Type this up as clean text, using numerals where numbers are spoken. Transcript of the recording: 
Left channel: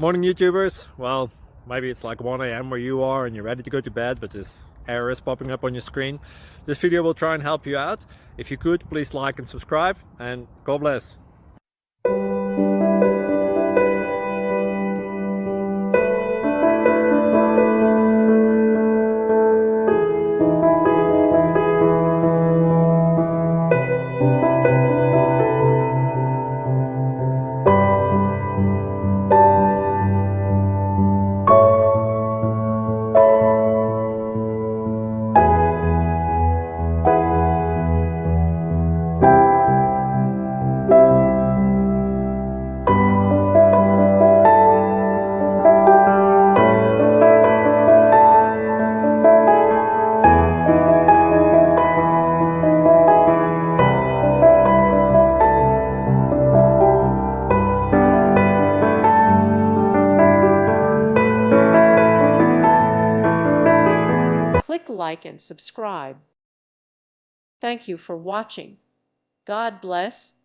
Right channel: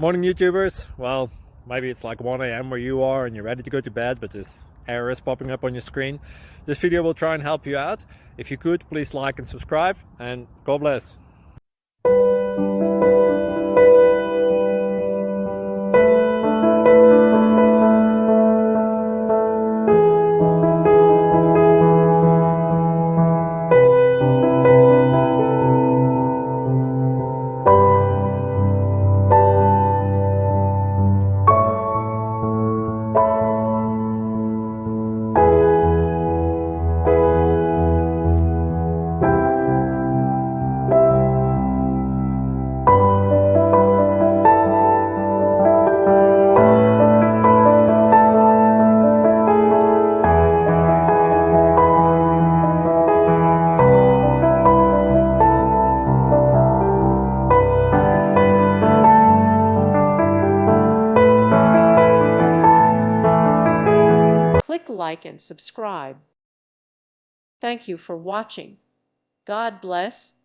Morning YouTubers. Well, maybe it's like 1 a.m. where you are and you're ready to go to bed, but this error is popping up on your screen. This video will try and help you out. If you could, please like and subscribe, and God bless. Click like and subscribe. Thank you for watching. God bless.